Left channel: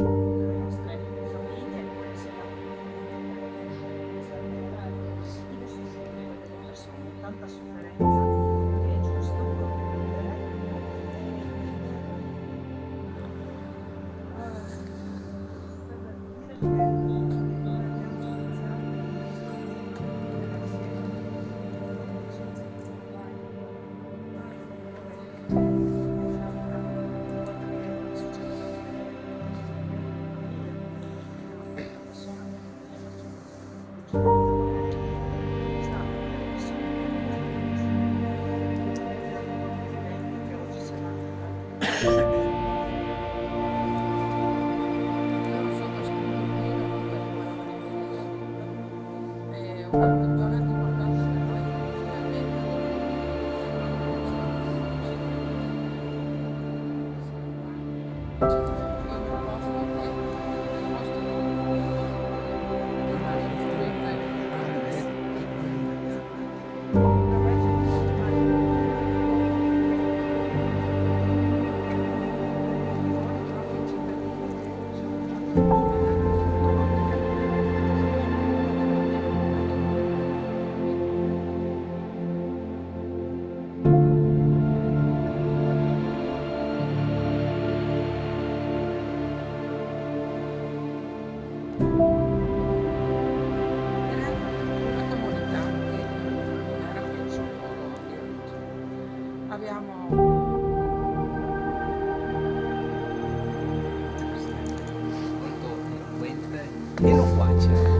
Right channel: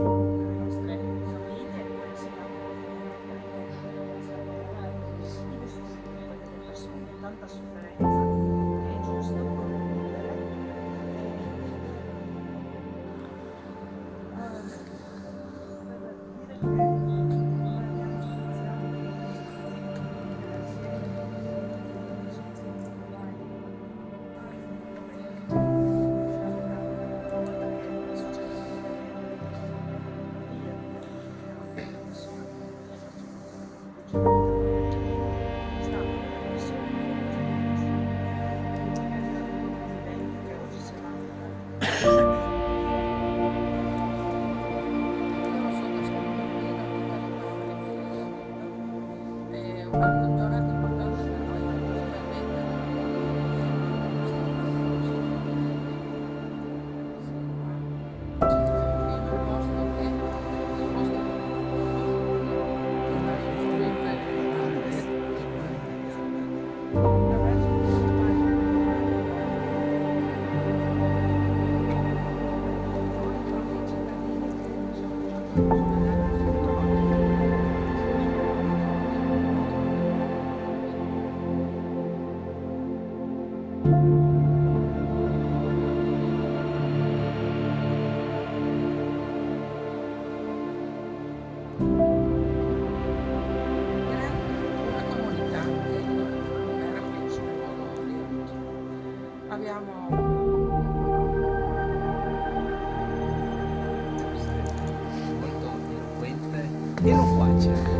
le nostre famiglie, come si fa i vestiti delle persone, tanta sofferenza che è giusto condividere. Per dire che noi abbiamo iniziato il nostro vivere assieme che oggi si vanno Loro sono scrivendo tutte le parole che lei ha detto. È una giornata importante per noi perché finalmente in un posto che è il posto di andare in fretta attraverso questo con i propri cittadini che sono una comunità che non era più il suo luogo di origine. Abbiamo Molto eloquente e loquace.